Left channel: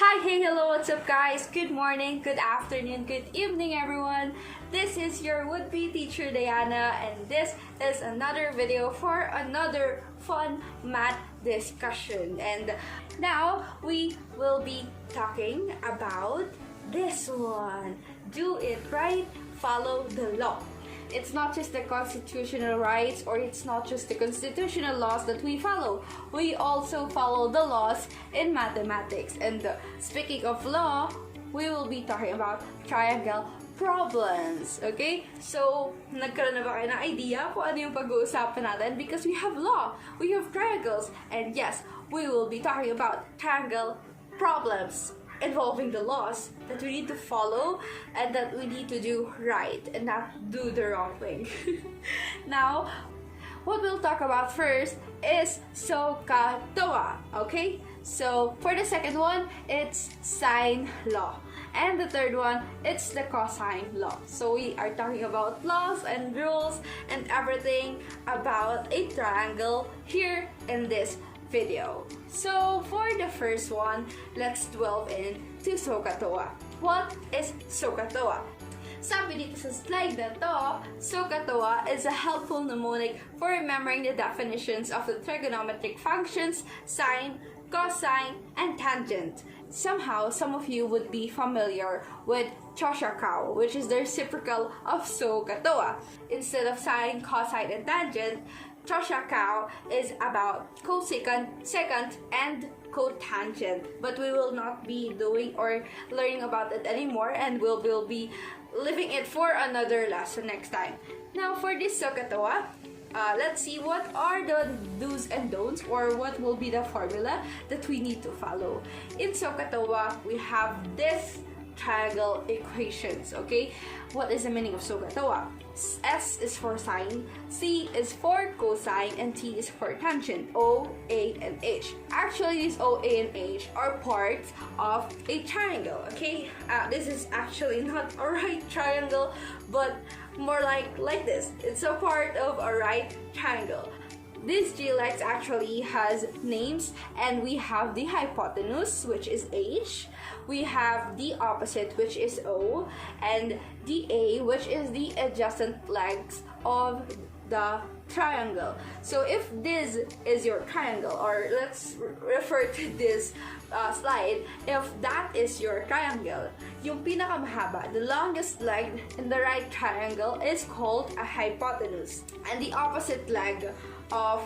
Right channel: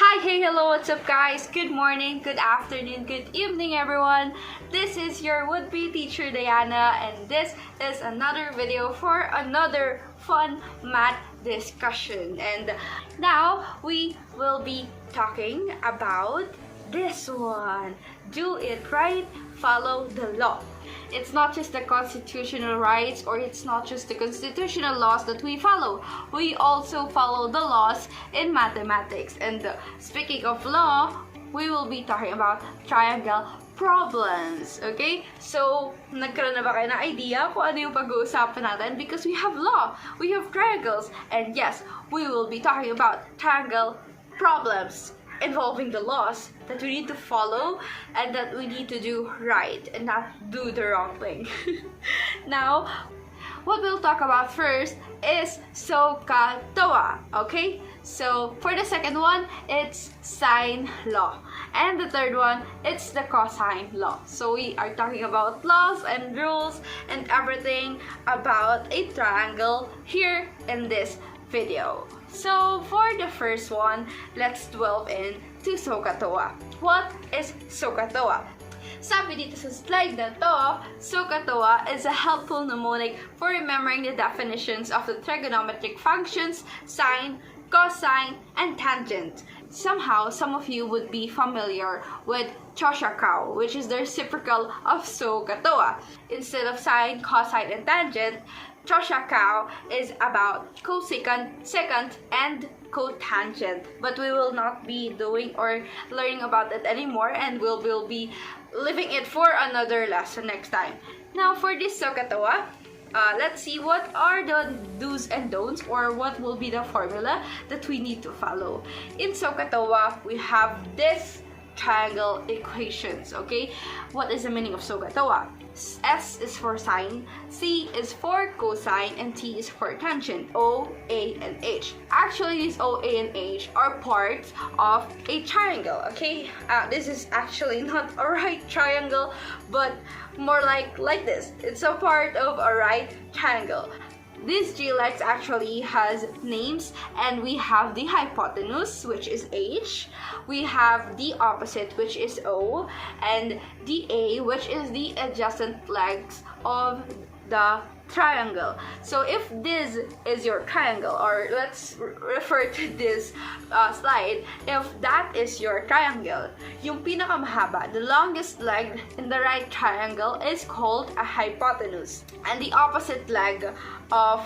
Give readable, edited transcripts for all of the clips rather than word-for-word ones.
Hi, hey, hello, what's up guys? Good morning, good afternoon, good evening everyone. This is your would-be teacher Diana and this is another video for another fun math discussion. And now we will be talking about this one. Do it right, follow the law. It's not just the constitutional rights or it's not just the constitutional laws that we follow. We also follow the laws in mathematics. And speaking of law, we will be talking about triangle problems. Okay? So, nagkaroon na ba kayo ng idea kung ano yung pag-uusapan natin? Because we have law, we have triangles, and yes, we will be talking about triangle problems involving the laws that we need to follow and that we need to do right and not do the wrong thing. Now, what we'll talk about first is TOA, okay? So, for the second one, it's sine law. And the third one, it's the cosine law. So, we are talking about laws and rules and everything about a triangle here in this video. So, for the first one, let's delve into TOA. What is TOA? Sabi dito sa slide na to, TOA is a helpful mnemonic for remembering the definitions of the trigonometric functions, sine, cosine, and tangent. Somehow, some of you would be familiar with CAH, which is the reciprocal of TOA. Instead of sine, cosine, and tangent, CAH is about cosecant, secant, and cotangent. But we will not be doing or learning about it anymore, and we'll be leaving it for another lesson next time. Now, for this TOA, let's see what are the do's and don'ts, or what will be the formula that we need to follow. In TOA, we have this triangle equations, okay? What is the meaning of TOA? S is for sine, C is for cosine, and T is for tangent. O, A, and H. Actually, these O, A, and H are parts of a triangle, okay? This is actually not a right triangle, but more like this. It's a part of a right triangle. This G-lex actually has names, and we have the hypotenuse, which is H. We have the opposite, which is O, and the A, which is the adjacent legs of the triangle. So if this is your triangle, or let's refer to this slide, if that is your triangle, yung pinakamahaba, the longest leg in the right triangle is called a hypotenuse. And the opposite leg of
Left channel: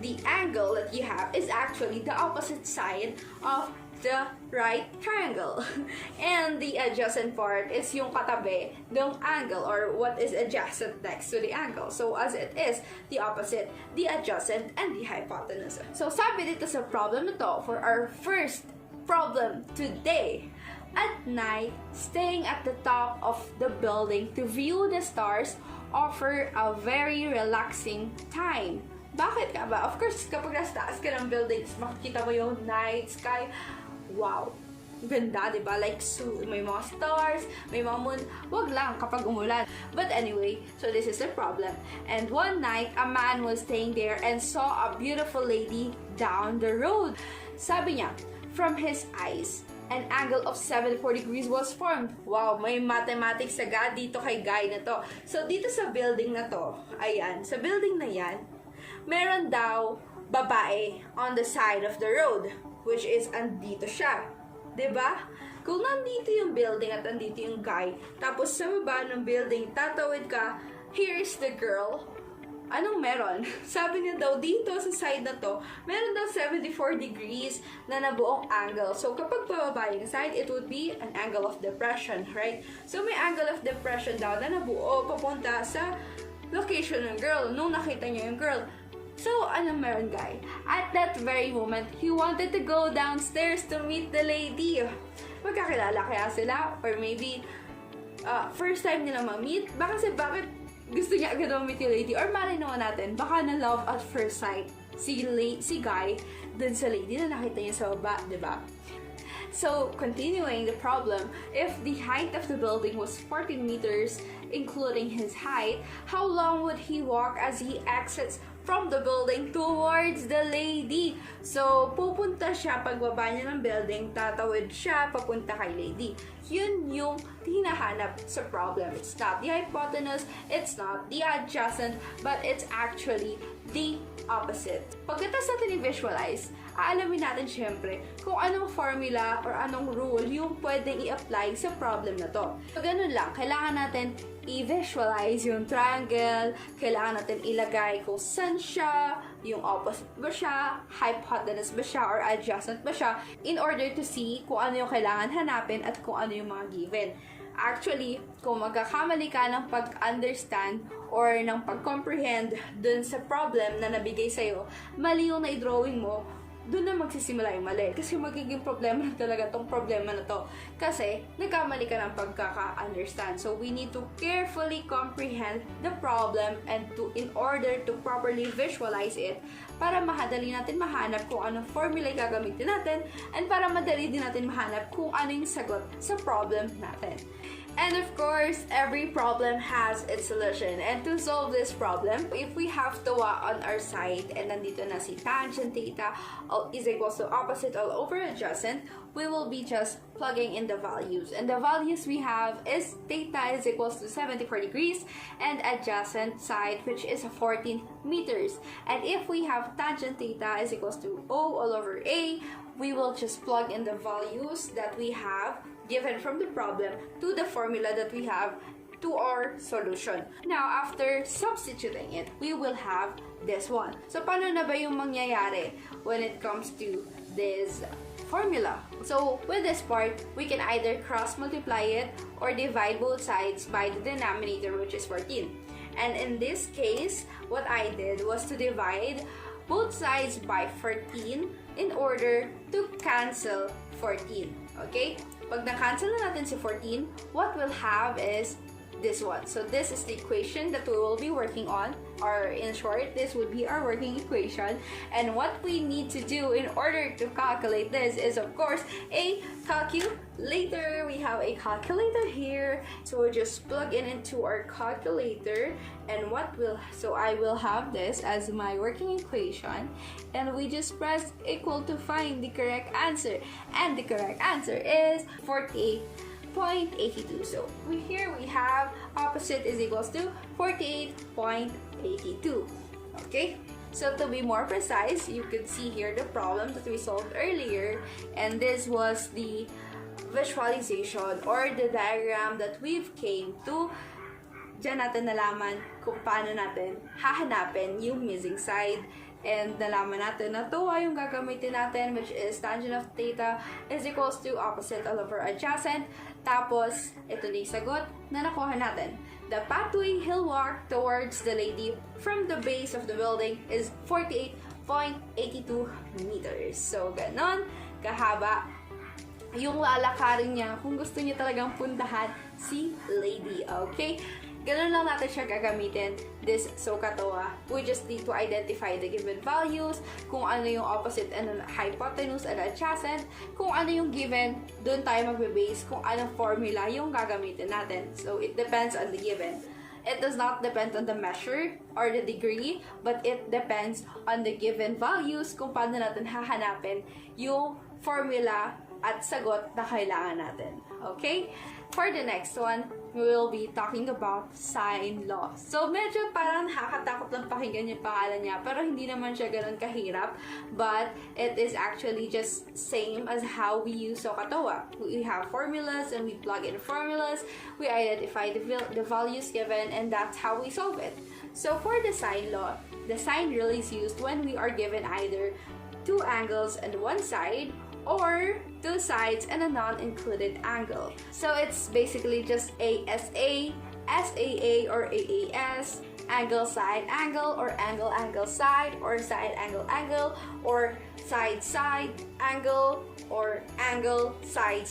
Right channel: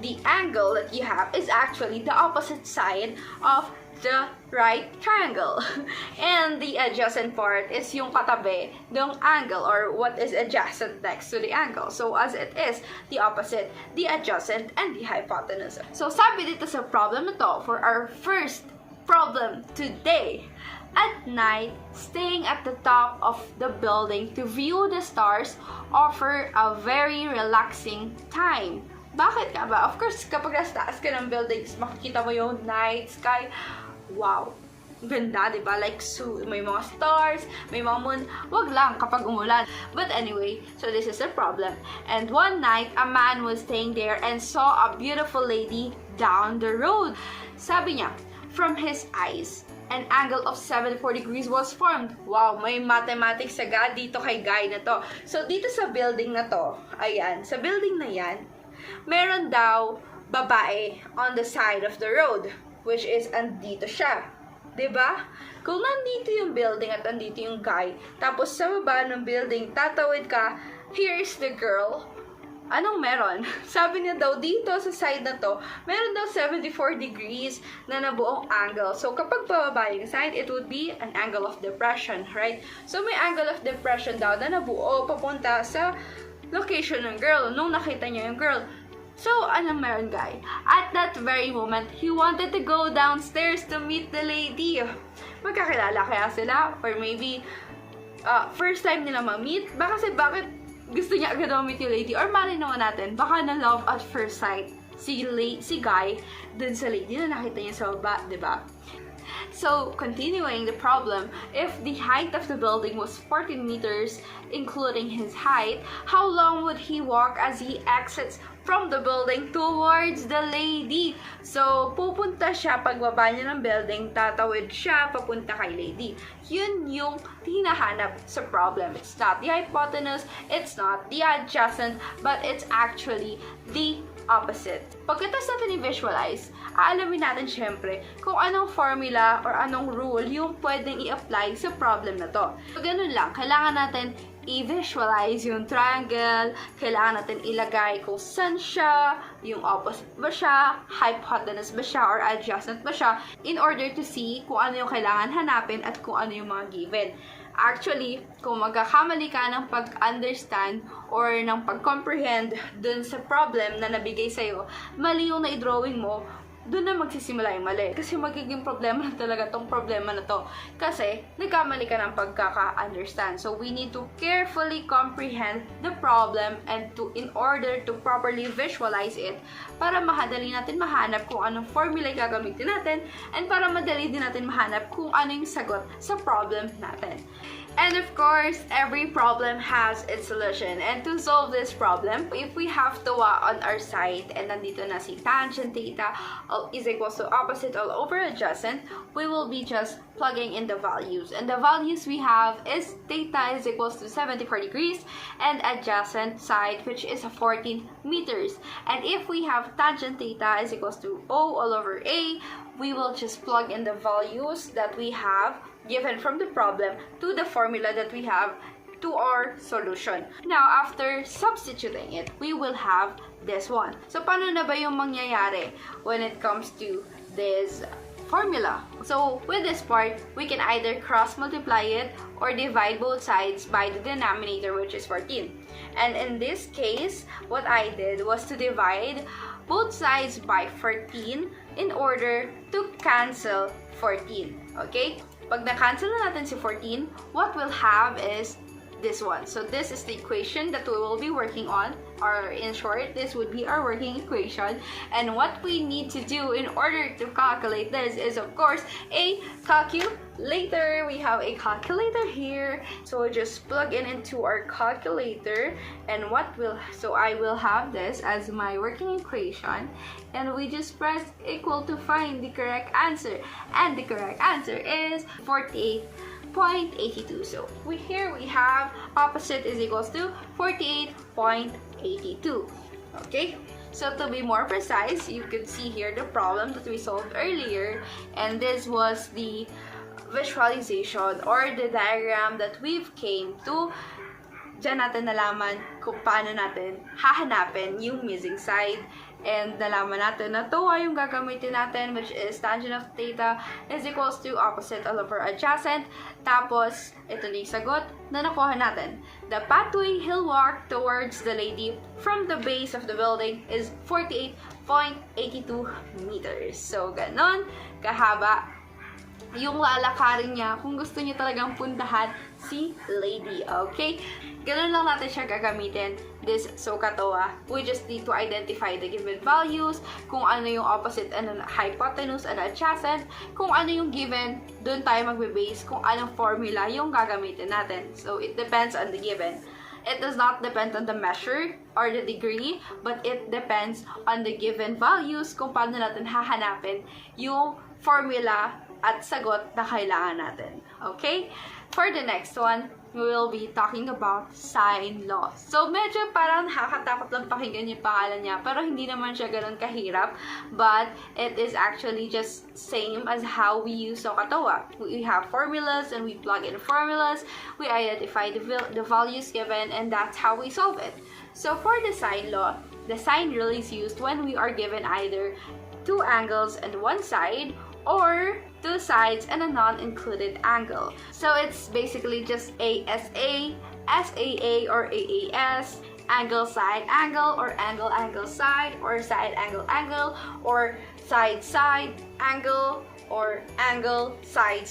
the angle that you have is actually the opposite side of the right triangle. And the adjacent part is yung katabi ng angle, or what is adjacent next to the angle. So as it is, the opposite, the adjacent, and the hypotenuse. So sabi dito sa problem na to, for our first problem today, at night, staying at the top of the building to view the stars offer a very relaxing time. Bakit nga ba? Of course, kapag nasa taas ka ng buildings, makikita mo yung night sky. Wow! Ganda, diba? Like, so, may mga stars, may mga moon. Wag lang kapag umulan. But anyway, so this is the problem. And one night, a man was staying there and saw a beautiful lady down the road. Sabi niya, from his eyes, an angle of 74 degrees was formed. Wow, may mathematics agad dito kay guy na to. So, dito sa building na to, ayan, sa building na yan, meron daw babae on the side of the road, which is andito siya. 'Di ba? Kung nandito yung building at andito yung guy, tapos sa baba ng building, tatawid ka, here's the girl. Anong meron? Sabi niya daw, dito sa side na to, meron daw 74 degrees na nabuong angle. So, kapag bababa yung side, it would be an angle of depression, right? So, may angle of depression daw na nabuo papunta sa location ng girl. Nung nakita niya yung girl, so, anong meron, guy? At that very moment, he wanted to go downstairs to meet the lady. Magkakilala kaya sila? Or maybe, first time nila ma-meet? Bakit gusto niya agad ma-meet yung lady? Or mali naman natin, baka na love at first sight si guy dun sa lady na nakita niya sa baba, diba? So, continuing the problem, if the height of the building was 14 meters, including his height, how long would he walk as he exits from the building towards the lady. So, pupunta siya, pagbaba niya ng building, tatawid siya papunta kay lady. Yun yung hinahanap sa problem. It's not the hypotenuse, it's not the adjacent, but it's actually the opposite. Pagkatapos natin i-visualize, aalamin natin syempre kung anong formula or anong rule yung pwedeng i-apply sa problem na to. So, ganun lang. Kailangan natin i-visualize yung triangle, kailangan natin ilagay kung saan siya, yung opposite ba siya, hypotenuse ba siya, or adjacent ba siya, in order to see kung ano yung kailangan hanapin at kung ano yung mga given. Actually, kung magkakamali ka ng pag-understand or ng pag-comprehend dun sa problem na nabigay sa'yo, mali yung na-drawing mo, doon na magsisimula yung mali. Kasi magiging problema na talaga tong problema na to. Kasi, nagkamali ka ng pagkaka-understand. So, we need to carefully comprehend the problem and in order to properly visualize it para madali natin mahanap kung anong formula yung gagamitin natin and para madali din natin mahanap kung ano yung sagot sa problem natin. And of course, every problem has its solution. And to solve this problem, if we have TOA on our side, and nandito na si tangent theta is equals to opposite all over adjacent, we will be just plugging in the values. And the values we have is theta is equals to 74 degrees, and adjacent side, which is 14 meters. And if we have tangent theta is equals to O all over A, we will just plug in the values that we have given from the problem to the formula that we have to our solution. Now, after substituting it, we will have this one. So, paano na ba yung mangyayari when it comes to this formula? So, with this part, we can either cross-multiply it or divide both sides by the denominator, which is 14. And in this case, what I did was to divide both sides by 14 in order to cancel 14. Okay? Pag na-cancel na natin si 14, what we'll have is this one. So this is the equation that we will be working on, or in short, this would be our working equation. And what we need to do in order to calculate this is, of course, a calculator. We have a calculator here. So we just plug it into our calculator, and so I will have this as my working equation, and we just press equal to find the correct answer. And the correct answer is 48.82. So here we have opposite is equals to 48.82. Okay, so to be more precise, you could see here the problem that we solved earlier, and this was the visualization or the diagram that we've came to. Diyan natin nalaman kung paano natin hahanapin yung missing side. And nalaman natin na TOA yung gagamitin natin, which is tangent of theta is equals to opposite all over adjacent. Tapos, ito na yung sagot na nakuha natin. The pathway he'll walk towards the lady from the base of the building is 48.82 meters. So, ganon kahaba yung lalakarin niya kung gusto niya talagang puntahan si lady. Okay? Ganun lang natin siya gagamitin, this TOA. We just need to identify the given values, kung ano yung opposite and hypotenuse and adjacent, kung ano yung given, doon tayo magbe-base kung anong formula yung gagamitin natin. So, it depends on the given. It does not depend on the measure or the degree, but it depends on the given values kung paano natin hahanapin yung formula at sagot na kailangan natin. Okay? For the next one, we will be talking about sine law. So, medyo parang nakakatakot lang pakinggan yung pangalan niya, pero hindi naman siya ganun kahirap, but it is actually just same as how we use TOA. We have formulas and we plug in formulas, we identify the values given, and that's how we solve it. So, for the sine law, the sine rule is used when we are given either two angles and one side, or two sides and a non-included angle. So it's basically just ASA, SAA or AAS, angle side angle or angle side, or side angle, or side angle, or angle side.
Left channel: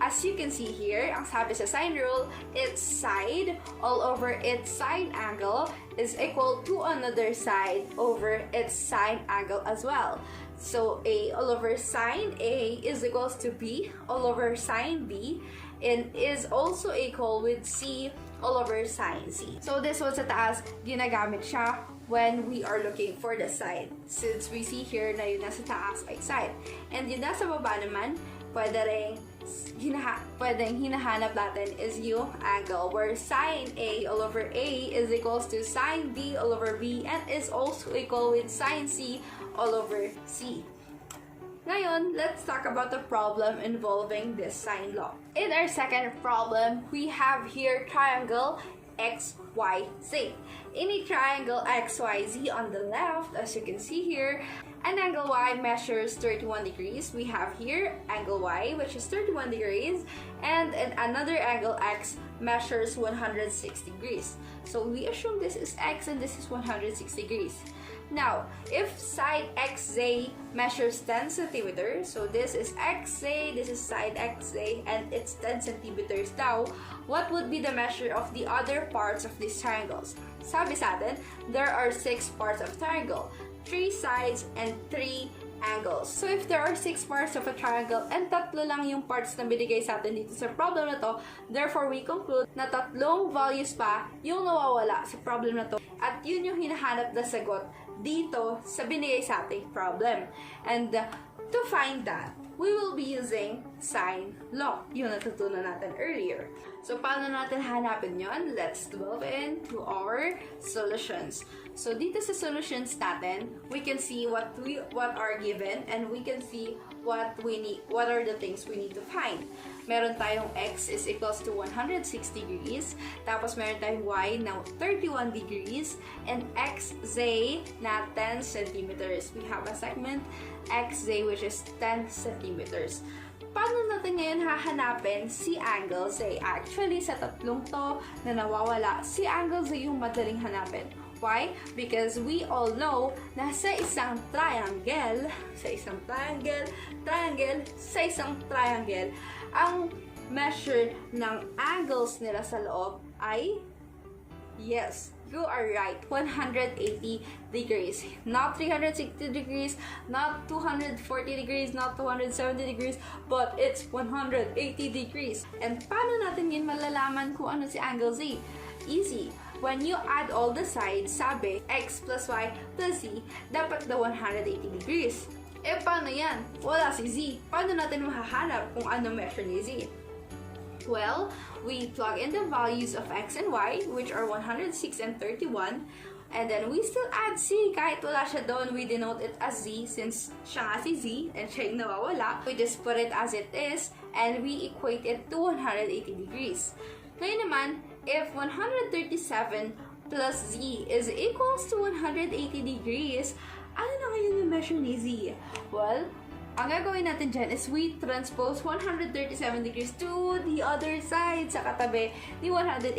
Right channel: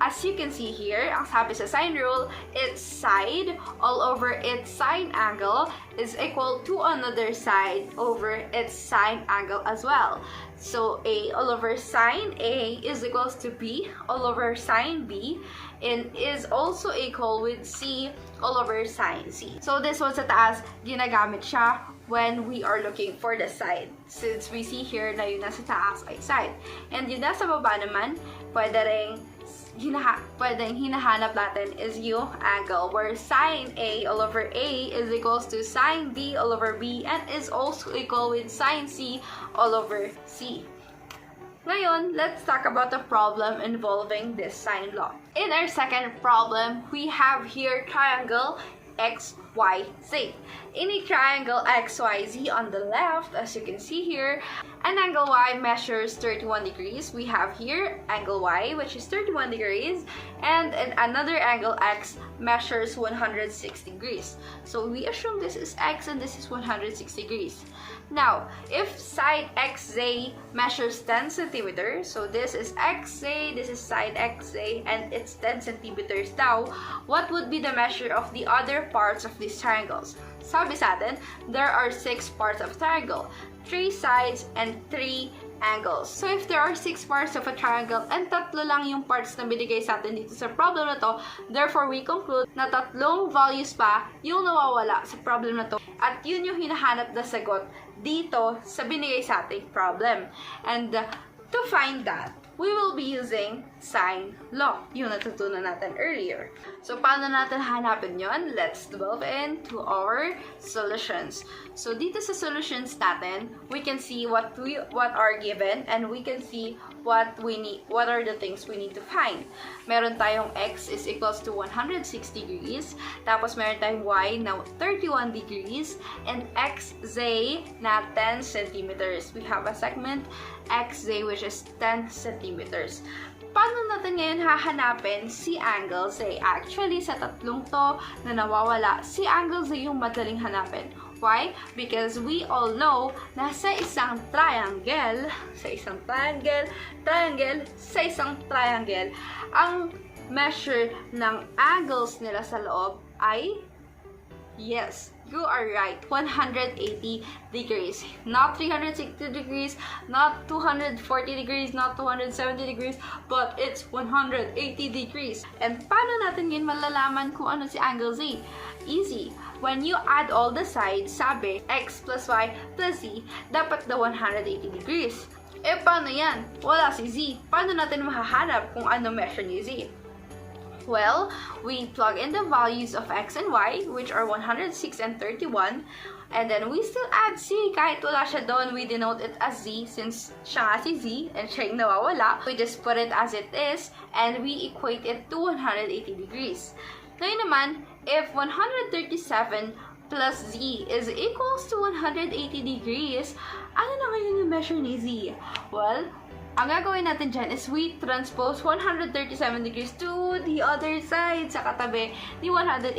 As you can see here, ang sabi sa sine rule, its side all over its sine angle is equal to another side over its sine angle as well. So A all over sine A is equals to B all over sine B, and is also equal with C all over sine C. So this one sa taas, ginagamit siya when we are looking for the side. Since we see here na yung nasa taas ay side. And yung nasa baba naman, pwedeng hinahanap natin is yung angle, where sine A all over A is equals to sine B all over B and is also equal with sine C all over C. Ngayon, let's talk about the problem involving this sine law. In our second problem, we have here triangle XYZ. In a triangle XYZ on the left, as you can see here, an angle Y measures 31 degrees. We have here angle Y, which is 31 degrees, and another angle X measures 106 degrees. So we assume this is X and this is 106 degrees. Now, if side XZ measures 10 centimeters, so this is XZ, this is side XZ, and it's 10 centimeters now, what would be the measure of the other parts of these triangles? Sabi sa atin, there are 6 parts of triangle, 3 sides, and 3 angles. So if there are 6 parts of a triangle and tatlo lang yung parts na binigay sa atin dito sa problem na to, therefore we conclude na tatlong values pa yung nawawala sa problem na to. At yun yung hinahanap na sagot dito sa binigay sa ating problem. And to find that, we will be using sine law, yung natutunan natin earlier. So, paano natin hanapin yon? Let's delve into our solutions. So, dito sa solutions natin, we can see what are given and we can see what are the things we need to find. Meron tayong x is equals to 160 degrees, tapos meron tayong y na 31 degrees, and xz na 10 centimeters. We have a segment xz which is 10 centimeters. Paano natin ngayon hahanapin si angle Z? Actually, sa tatlong to na nawawala, si angle Z yung madaling hanapin. Why? Because we all know na sa isang triangle, ang measure ng angles nila sa loob ay, yes, you are right, 180 degrees. Not 360 degrees, not 240 degrees, not 270 degrees, but it's 180 degrees. And paano natin yun malalaman kung ano si angle Z? Easy. When you add all the sides, sabi, x plus y plus z, dapat the 180 degrees. Eh, paano yan? Wala si z. Paano natin mahahanap kung ano measure ni z? Well, we plug in the values of x and y, which are 106 and 31, and then we still add z. Kahit wala siya doon, we denote it as z since siya nga si z and siya yung nawawala. We just put it as it is and we equate it to 180 degrees. Ngayon naman, if 137 plus z is equals to 180 degrees, ano na ngayon yung measure ni z? Well, ang gagawin natin dyan is we transpose 137 degrees to the other side sa katabi ni 180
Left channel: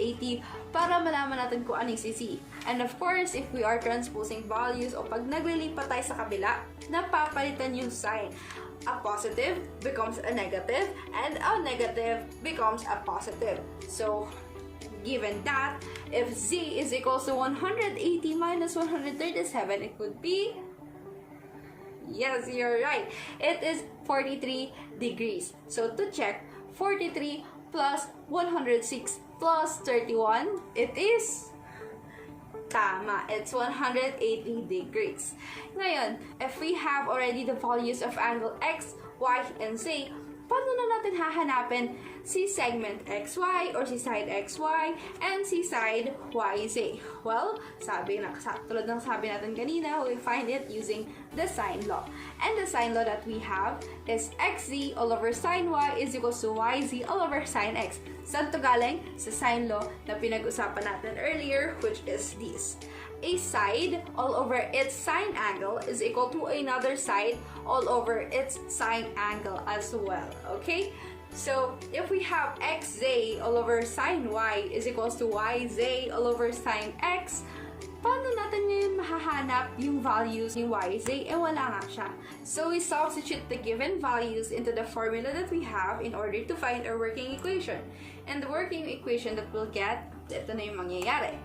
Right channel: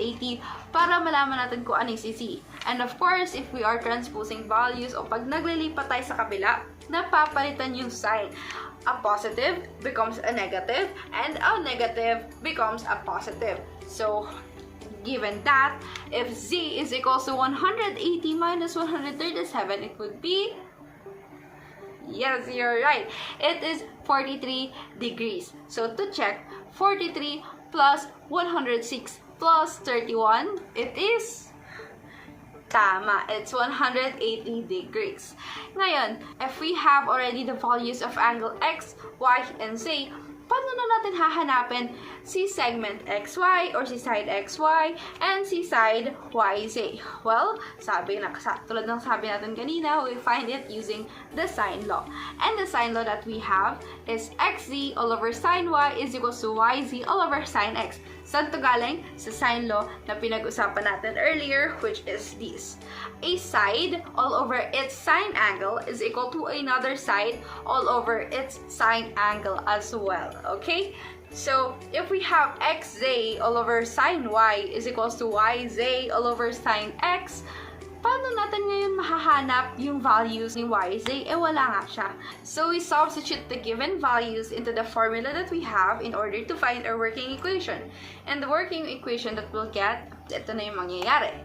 para malaman natin kung ano yung si z. And of course, if we are transposing values o pag naglilipat tayo sa kabila, napapalitan yung sign. A positive becomes a negative and a negative becomes a positive. So, given that, if z is equals to 180 minus 137, it would be, yes, you're right, it is 43 degrees. So, to check, 43 plus 106 plus 31, it is, tama, it's 180 degrees. Ngayon, if we have already the values of angle x, y, and z, paano na natin hahanapin si segment XY or si side XY and si side YZ? Well, tulad ng sabi natin kanina, we find it using the sine law. And the sine law that we have is XZ all over sine Y is equals to YZ all over sine X. Saan to galing? Sa sine law na pinag-usapan natin earlier, which is this. A side all over its sine angle is equal to another side all over its sine angle as well. Okay? So, if we have xz all over sine y is equals to yz all over sine x, paano natin ngayon mahahanap yung values ni yz? Eh, wala nga siya. So, we substitute the given values into the formula that we have in order to find our working equation. And the working equation that we'll get, ito na yung mangyayari.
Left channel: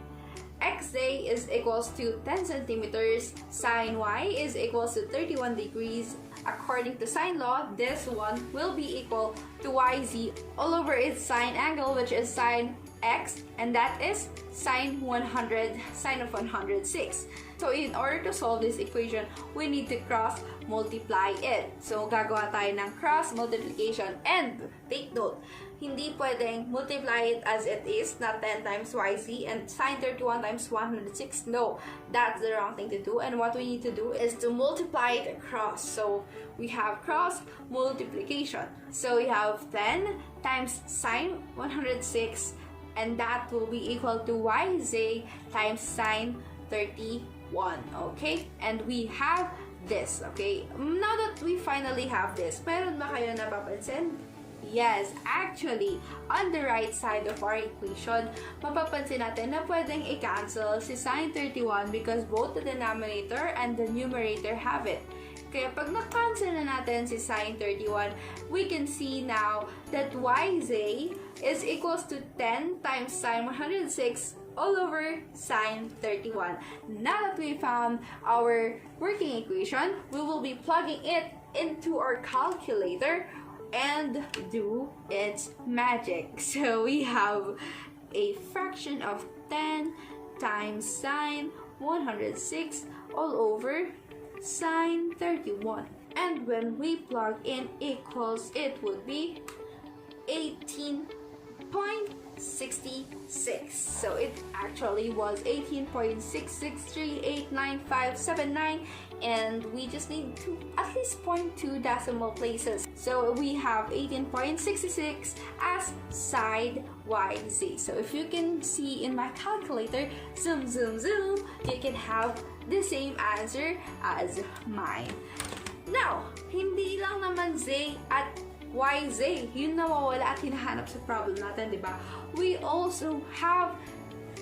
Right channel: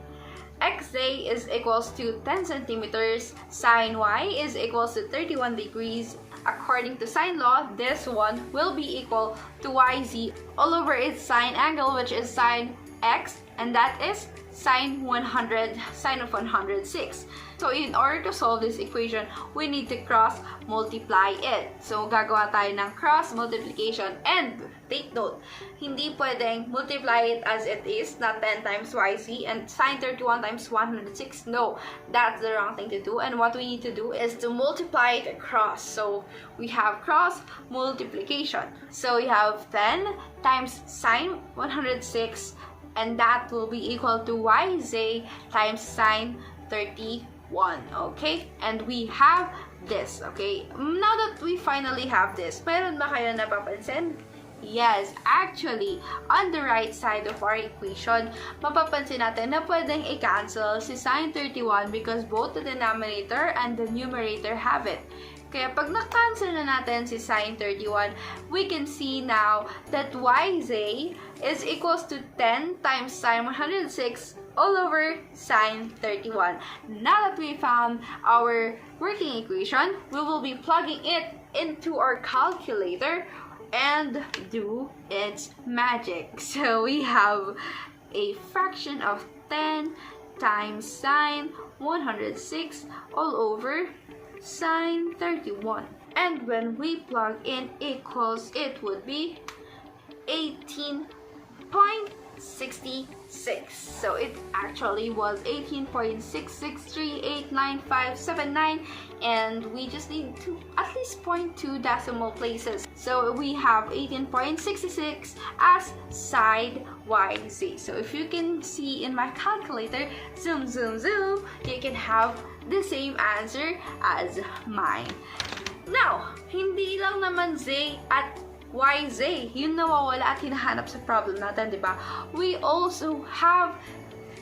xz is equals to 10 centimeters, sine y is equals to 31 degrees. According to sine law, this one will be equal to yz all over its sine angle, which is sine x, and that is sine of 106. So in order to solve this equation, we need to cross multiply it. So gagawa tayo ng cross multiplication, and take note, hindi pwedeng multiply it as it is, not 10 times yc and sine 31 times 106. No, that's the wrong thing to do, and what we need to do is to multiply it across. So we have cross multiplication. So we have 10 times sine 106, and that will be equal to yz times sine 31. Okay? And we have this. Okay? Now that we finally have this, meron ba kayo napapansin? Yes, actually, on the right side of our equation, mapapansin natin na pwedeng i-cancel si sine 31 because both the denominator and the numerator have it. Kaya pag na-cancel na natin si sine 31, we can see now that yz is equals to 10 times sine 106 all over sine 31. Now that we found our working equation, we will be plugging it into our calculator and do its magic. So we have a fraction of 10 times sine 106 all over sine 31. And when we plug in equals, it would be 18.66. So it actually was 18.6638959, and we just need to at least point 2 decimal places. So we have 18.66 as side yz. So if you can see in my calculator, zoom, zoom, zoom, you can have the same answer as mine. Now, hindi lang naman z at yz yung nawawala at hinahanap sa problem natin, di ba? We also have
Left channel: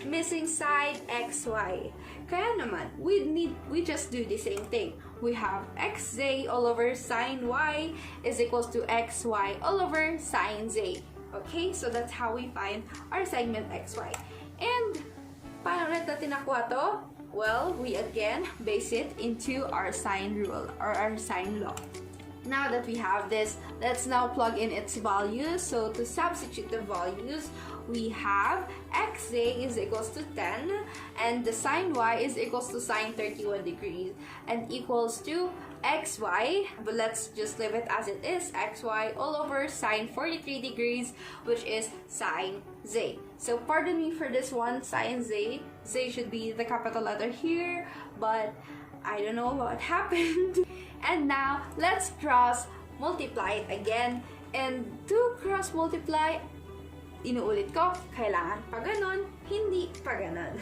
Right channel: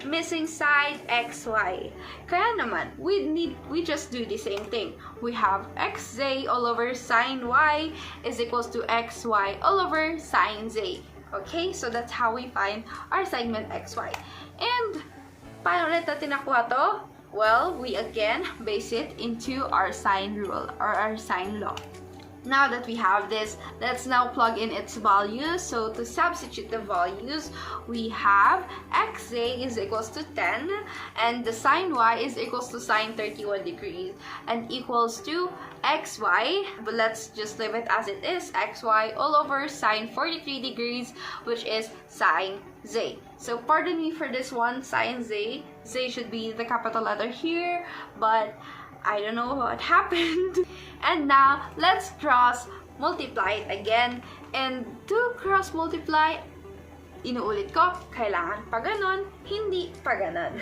missing side xy. Kaya naman, we just do the same thing. We have xz all over sine y is equals to xy all over sine z. Okay, so that's how we find our segment xy. And paano ulit natin nakuha to? Well, we again base it into our sine rule or our sine law. Now that we have this, let's now plug in its values. So to substitute the values, we have xz is equals to 10 and the sine y is equals to sine 31 degrees and equals to xy, but let's just leave it as it is, xy all over sine 43 degrees, which is sine z. So pardon me for this one, sine z. Z should be the capital letter here, but I don't know what happened. And now, let's cross multiply it again. And to cross multiply, inuulit ko, kailangan pa ganon, hindi pa ganon.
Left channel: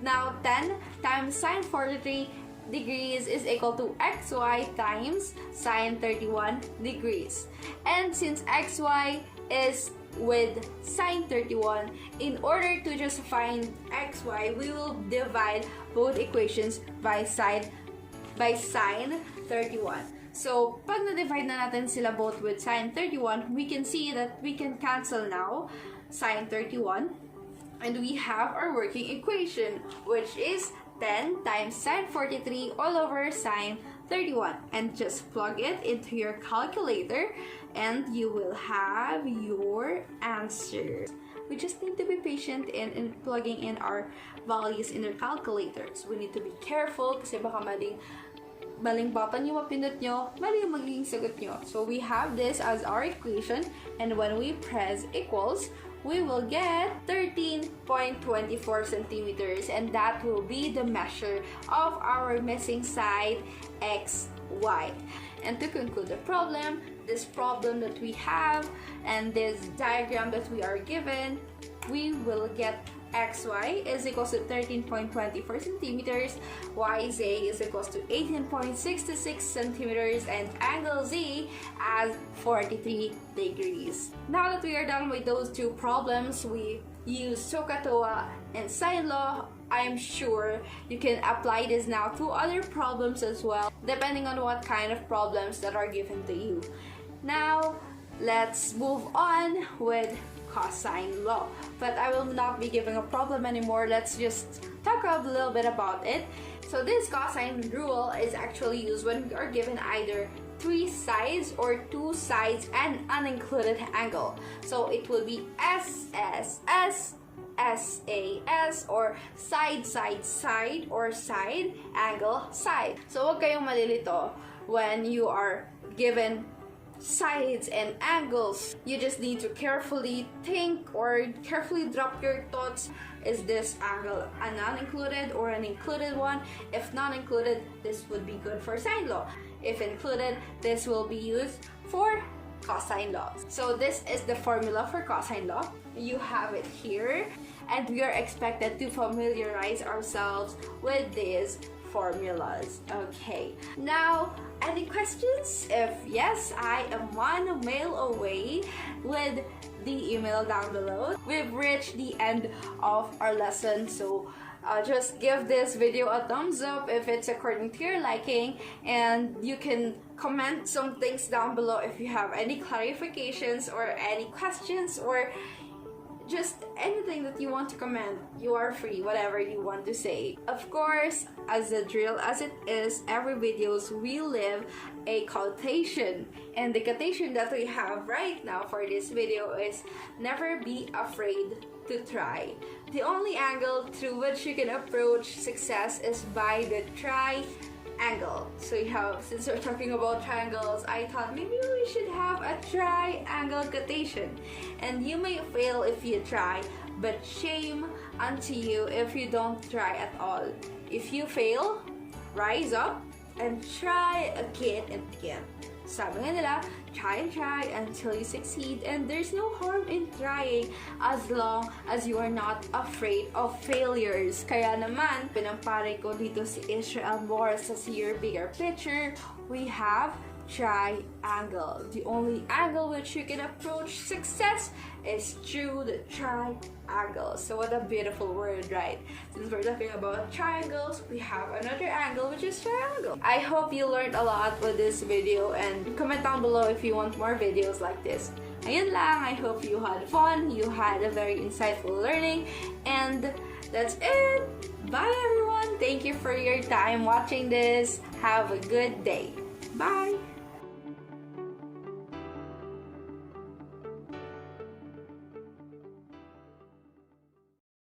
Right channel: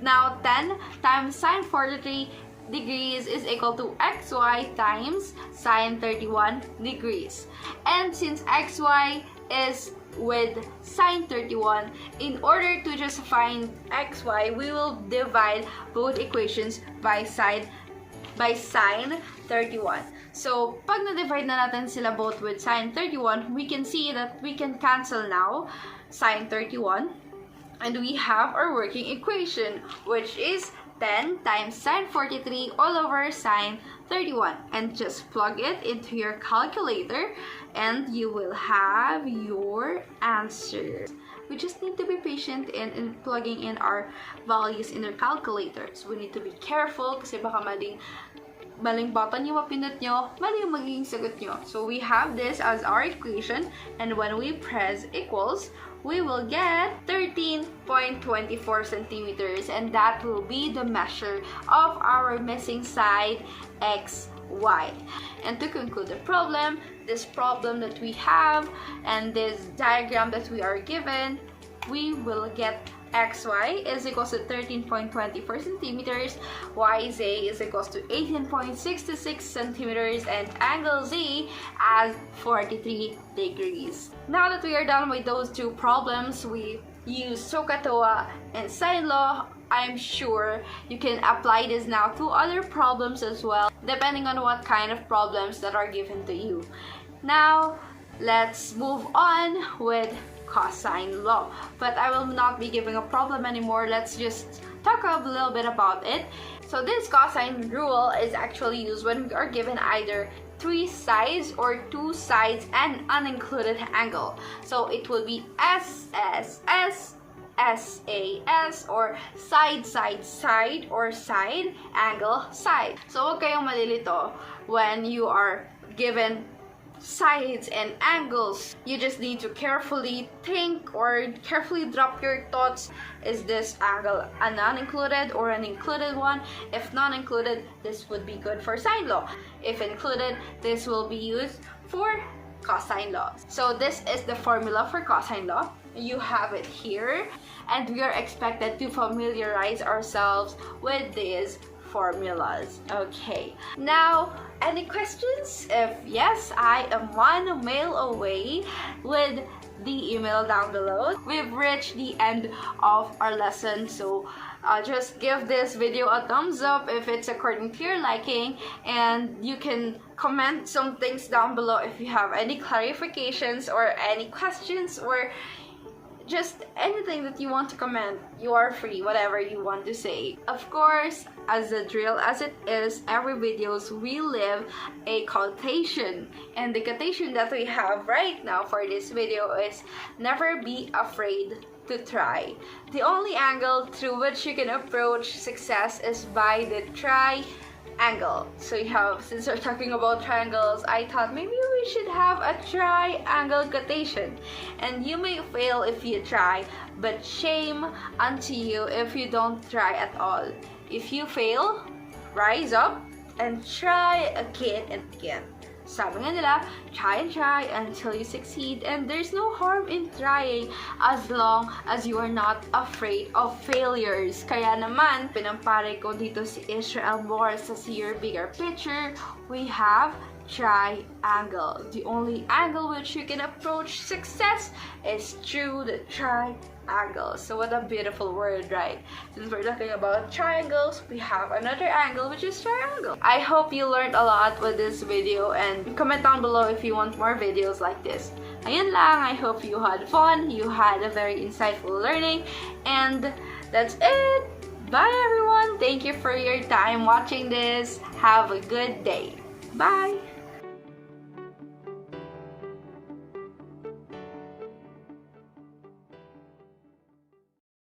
Now, 10 times sine 43 degrees is equal to xy times sine 31 degrees. And since xy is with sine 31, in order to just find xy, we will divide both equations by sine 31. So, pag na-divide na natin sila both with sine 31, we can see that we can cancel now sine 31, and we have our working equation, which is 10 times sine 43 all over sine 31, and just plug it into your calculator and you will have your answer. We just need to be patient in plugging in our values in our calculators. We need to be careful kasi baka maling button yung mapindot nyo, mali yung magiging sagot nyo. So we have this as our equation, and when we press equals, we will get 13.24 centimeters, and that will be the measure of our missing side xy. And to conclude the problem, this problem that we have and this diagram that we are given, we will get xy is equals to 13.24 centimeters, yz is equals to 18.66 centimeters, and angle z as 43 degrees. Now that we are done with those two problems, we use TOA and sine law. I'm sure you can apply this now to other problems as well, depending on what kind of problems that are given to you. Now, let's move on with cosine law, but I will not be giving a problem anymore. Let's just talk a little bit about it. So this cosine rule is actually used when we are given either 3 sides or 2 sides and unincluded angle. So it will be S, S, S, SAS, or side, side, side, or side, angle, side. So huwag kayong malilito when you are given sides and angles. You just need to carefully think or carefully drop your thoughts. Is this angle a non-included or an included one? If non-included, this would be good for sine law. If included, this will be used for cosine law. So this is the formula for cosine law. You have it here, and we are expected to familiarize ourselves with these formulas. Okay, now any questions? If yes, I am one mail away with the email down below. We've reached the end of our lesson, so just give this video a thumbs up if it's according to your liking, and you can comment some things down below if you have any clarifications or any questions, or just anything that you want to comment. You are free, whatever you want to say. Of course, as a drill as it is, every videos we leave a quotation, and the quotation that we have right now for this video is never be afraid to try. The only angle through which you can approach success is by the triangle. So you have, since we're talking about triangles, I thought maybe we should have a triangle quotation. And you may fail if you try, but shame unto you if you don't try at all. If you fail, rise up and try again and again. Sabi nga nila, try and try until you succeed, and there's no harm in trying as long as you are not afraid of failures. Kaya naman, pinampare ko dito si Israel more sa See Your Bigger Picture. We have triangle. The only angle which you can approach success is through the triangle. So what a beautiful word, right? Since we're talking about triangles, we have another angle which is triangle. I hope you learned a lot with this video, and comment down below if you want more videos like this. Ayun lang, I hope you had fun, you had a very insightful learning, and that's it. Bye everyone. Thank you for your time watching this. Have a good day. Bye.